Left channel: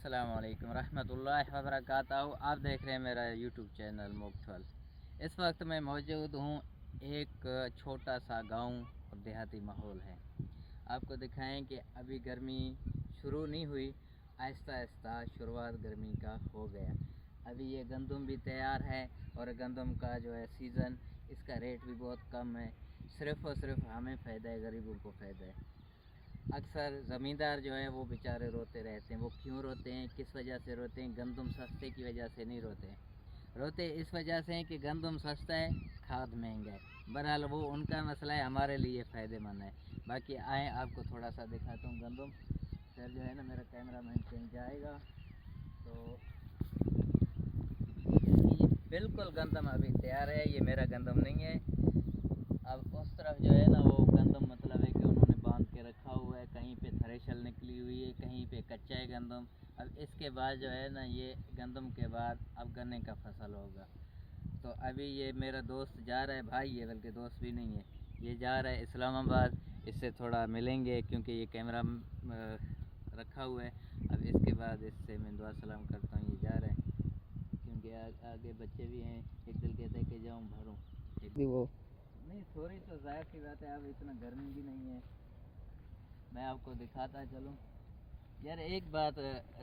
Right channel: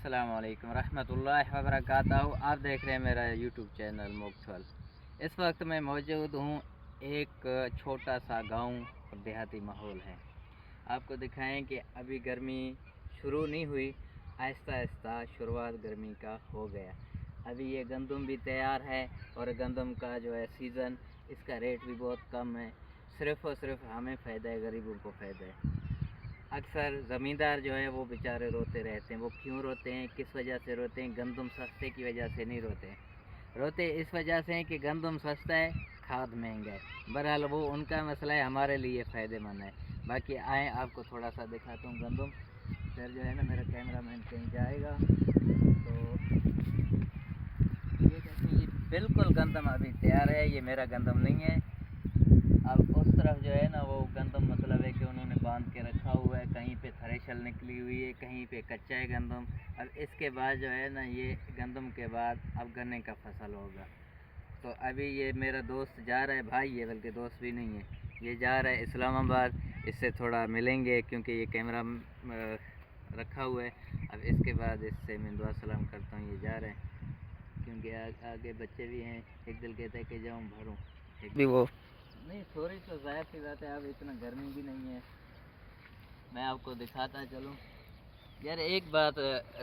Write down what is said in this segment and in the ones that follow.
अस्सलाम वालेकुम रहमतुल्लाहि व बरकातहू। आप देख रहे हैं मेरा यूट्यूब चैनल मुक्तफल। इस वक्त मैं मौजूद हूँ एक छोटा सा गांव और देहाती माहौल है। आपको दिखाएं कि अभी गर्मी शुरू नहीं हुई, आहिस्ता आहिस्ता शुरुआत गर्मी का हो गया। अभी ये गंदम भी तैयार है और गंदम का जो है सीज़न, इसका रेट भी बहुत कम है। सिर्फ़ और सिर्फ हमें फ़ायदा है, गरीबों को फ़ायदा है। अक्सर ज़मींदार जो हैं वो बेचारे रोते रहते हैं। वो क्यों रोते हैं, किस वजह से रोते हैं? गंदम सस्ते की वजह से नहीं रोते हैं। रोते इस वजह से हैं कि गंदम सस्ता है, खाद महंगा है। बहरहाल वो उनका मसला है, हमारे लिए फ़ायदेमंद है। बाकी आए आपको थोड़ा सा दिखाता हूँ गंदम। फिर जो है ना, मेरा कैमरा मैन कहीं जाएगा तो ये बिल्कुल गंदम अभी तैयार है। ये मेरा गंदम नहीं है। अब उस तरफ जो है ना, वो गंदम मतलब है कि उन्होंने बांध के रखा हुआ है। कहीं पे थ्रेशर निकली हुई है, कहीं पे कच्चा है गंदम। अब इसके बाद जो है ना, ये गंदम के बाद अब गन्ने का फसल होगा। तो अभी ये मेरा दोस्त जा रहा है, भाई है बल्कि दोस्त भी नहीं है, ये जा रहा है इस्लामाबाद। इससे थोड़ा मिलेंगे क्योंकि ये कैमरा रखा हुआ है। अब इसके बाद इससे मैं दुआ सलाम करता हूँ। ये जा रहे हैं क्योंकि आगे बच्चे भी हैं। एक दिल कहता है कि जाऊँ भरूँ, एक भी वो नहीं। थोड़ी तो ज़ाहिर सी बात है, अब इतना गर्मी भी नहीं है। मैं आपको दिखाता चलूँ। यार एक बात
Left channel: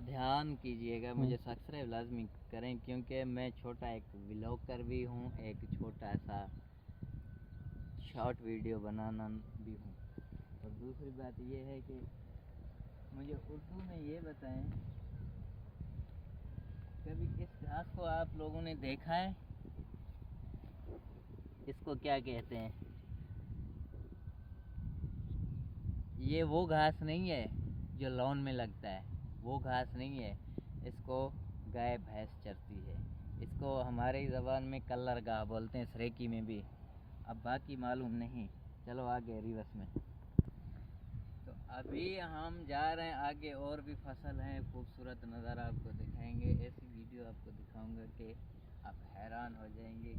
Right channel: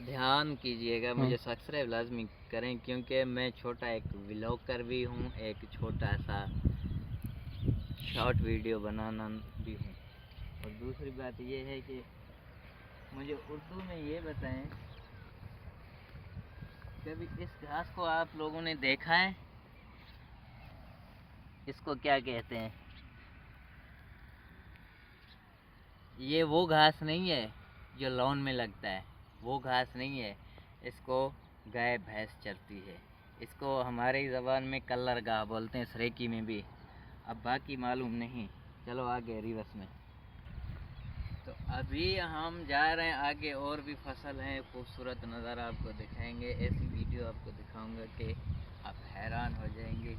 ध्यान कीजिएगा, मुझे सब्सक्राइब लाजमी करें क्योंकि मैं छोटा एक व्लॉगर भी हूँ, एक छोटा सा शॉर्ट वीडियो बनाना भी हूँ। और दूसरी बात ये है कि मुझे उर्दू में ये बताएं, कभी इस घास को आप लोगों ने देखा है? इसको क्या कहते हैं? ये वो घास नहीं है जो लॉन में लगता है, वो घास नहीं है। इसको गाय भैंस चरती है। इसको हमारी ज़बान में कल्लर गाह बोलते हैं, सरेकी में भी। अब बाकी मालूम नहीं। चलो आगे रिवर्स में। तो अभी हम जा रहे हैं आगे, और भी फसल हैं, खूबसूरत नज़ारा आपको दिखाएंगे। ऐसी वीडियो आपको दिखाऊंगा कि आप हैरान हो जाएंगे।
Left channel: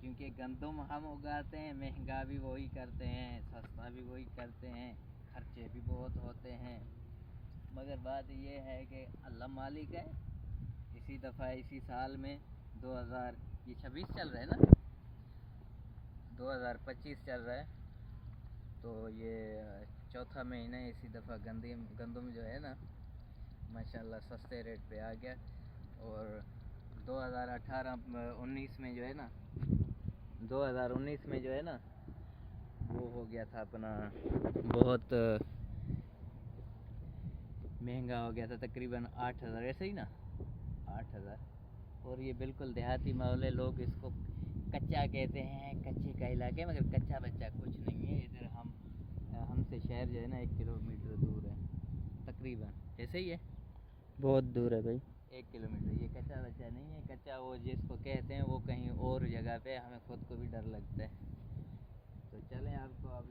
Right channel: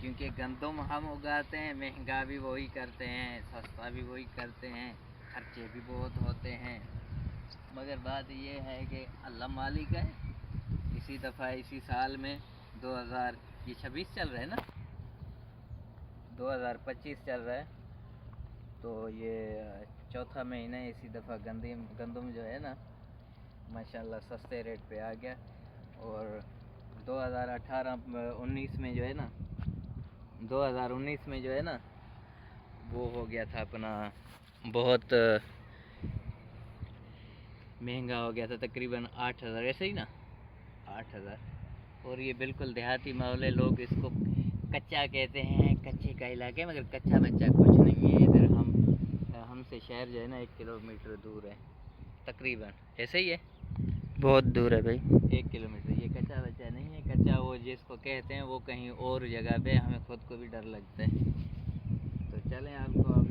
क्योंकि गंदम हम उगाते हैं, महंगा भी वही करते हैं, सस्ता भी वही करते हैं, खर्चे भी बहुत होते हैं। मगर बात ये है कि अल्लाह मालिक है। इसी दफ़ा इसी साल में 2026 चल रहा है ना, 2025 चल रहा है, तो ये चौथा महीना है। इसी दफ़ा गंदम जो है ना, माशाल्लाह सस्ते रेट पे आ गया। और 2019 में जो है ना, 2019 में जो है ना, वो हो गया था अपना, बहुत महंगा हो गया था, तकरीबन 8,000, ऐसे ही ना 8,000। और ये बिल्कुल देहाती माहौल है। लोग इसको कच्चा कहते हैं, कच्चे का इलाका है, मगर कच्चा बच्चा कुछ नहीं है। इधर हमसे शहर जो है ना 1 किलोमीटर दूर है तकरीबन, ऐसे ही है, बहुत दूर है भाई, 1 किलोमीटर। ये कच्चा बच्चा नहीं है। कच्चा वो जिसको कहते हैं वो कहीं और जगह पे, हमें खुद को भी डर लगता है। तो चलें आपको अब